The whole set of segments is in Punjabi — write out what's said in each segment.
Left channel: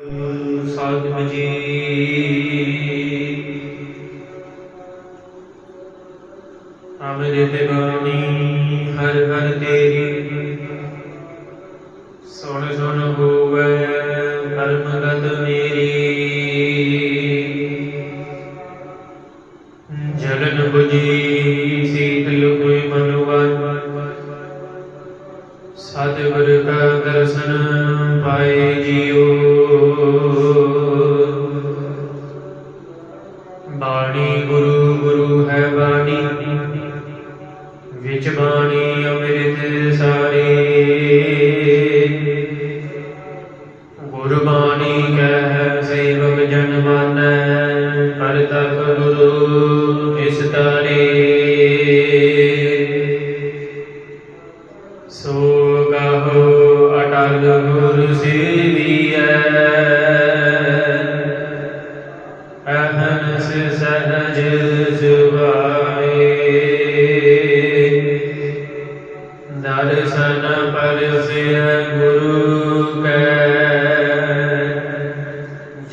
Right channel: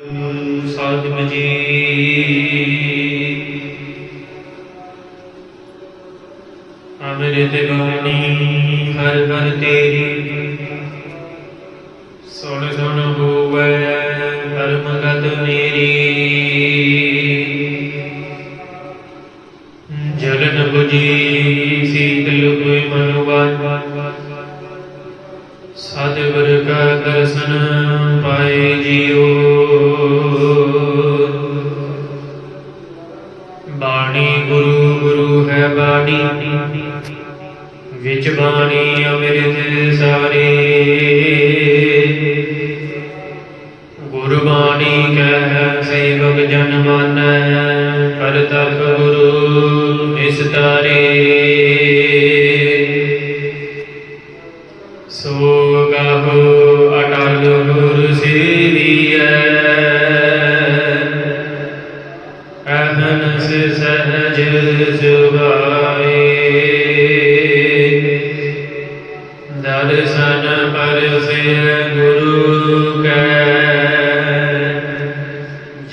ਸਾਹਿਬ ਜੀ ਅੰਮ੍ਰਿਤ ਬਾਣੀ, ਹਰ ਹਰ ਤੇਰੀ। ਸੁਣ ਸੁਣ ਹੋਵੇ ਪਰਮ ਗਤ ਮੇਰੀ। ਜਲਨ 부ਜੀ ਸੀਤਲ ਕੋਈ ਵਿਚ ਬਾਣੀ ਅੰਮ੍ਰਿਤ ਸਾਰੇ। ਗੁਰਬਾਣੀ ਕਹਿ ਸੇਵਕ ਜਨ ਮਾਨੈ ਪਰ ਤਖ ਗੁਰੂ ਇਸ ਤਾਰੇ।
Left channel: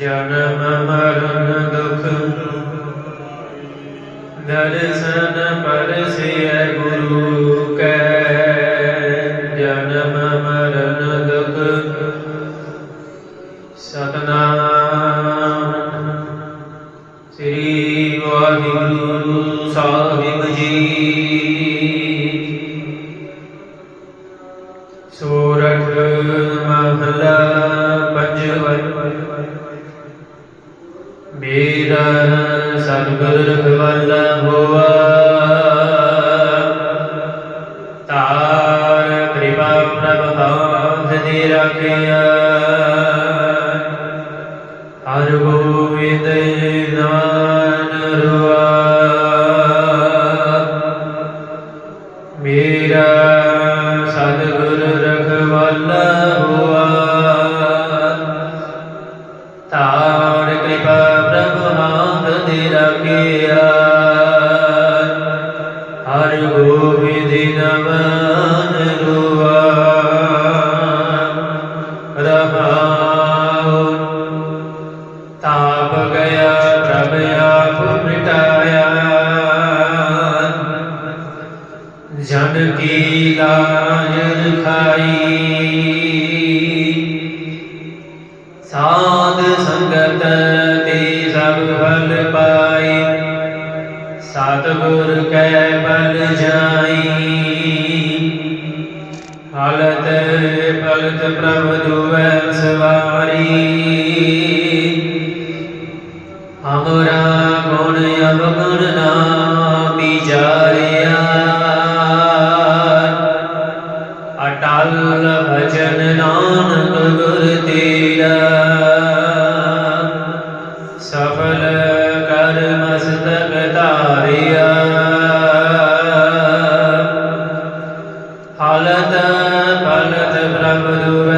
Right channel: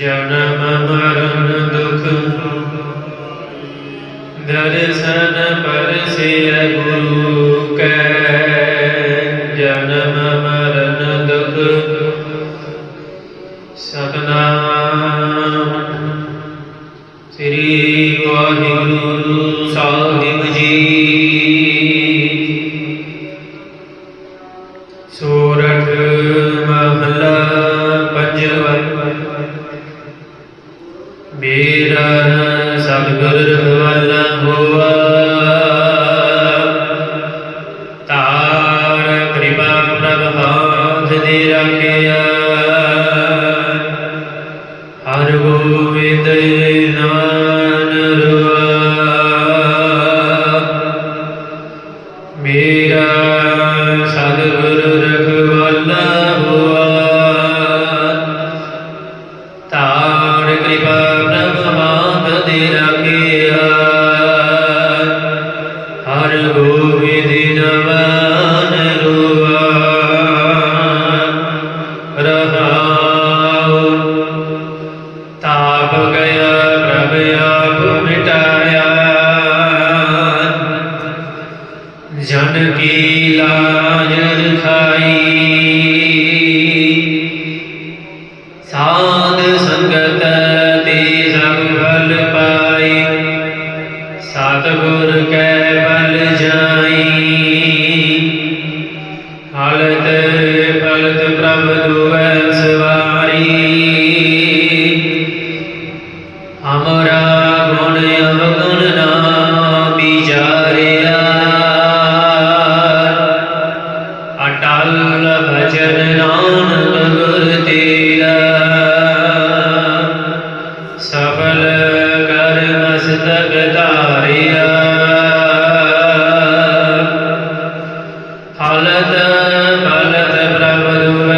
ਜਨਮ ਮਰਨ ਦੁਖ। ਦਰਸ਼ਨ ਪਰਸਿਐ ਗੁਰੂ ਕੈ, ਜਨਮ ਮਰਨ ਦੁਖ। ਸਤਨਾਮ ਸ੍ਰੀ ਵਾਹਿਗੁਰੂ ਸਾਹਿਬ ਜੀ। ਮੇਰਾ ਸਤਿਗੁਰ ਰਖਵਾਲਾ ਹੋਆ। ਤਾਰ ਕਿਰਪਾ ਪ੍ਰਭ ਹਾਥ ਦੇ ਰੱਖਿਆ। ਹਰ ਗੋਬਿੰਦ ਨਾਨ ਰੁਆ। ਮੇਰਾ ਸਤਿਗੁਰ ਤਾਰ ਕਿਰਪਾ ਪ੍ਰਭ ਮਾਂਗ ਦੇ ਰੱਖਿਆ ਹਰ। ਗੋਬਿੰਦ ਨਵਾਨ ਰੁਆ ਰਹਾਉ। ਤਾਪ ਗਿਆ ਪ੍ਰਭ ਆਪ ਮਿਟਾਇਆ। ਜਨ ਕੀ ਲਾਜ ਰਖਾਈ ਹਮਰਾ ਗੁਣ ਅਵਗਣ ਨਾ ਵਿਚਾਰਿਆ। ਅਟਲ ਭਜਨ ਨਾਨਕ ਗੁਰ ਤੇਰਾ। ਸਫਲ ਕਰ ਮਸਤਕ ਧਾਰਿਆ। ਹਲਤ ਪਲਤ ਪ੍ਰਭ ਦੂਰ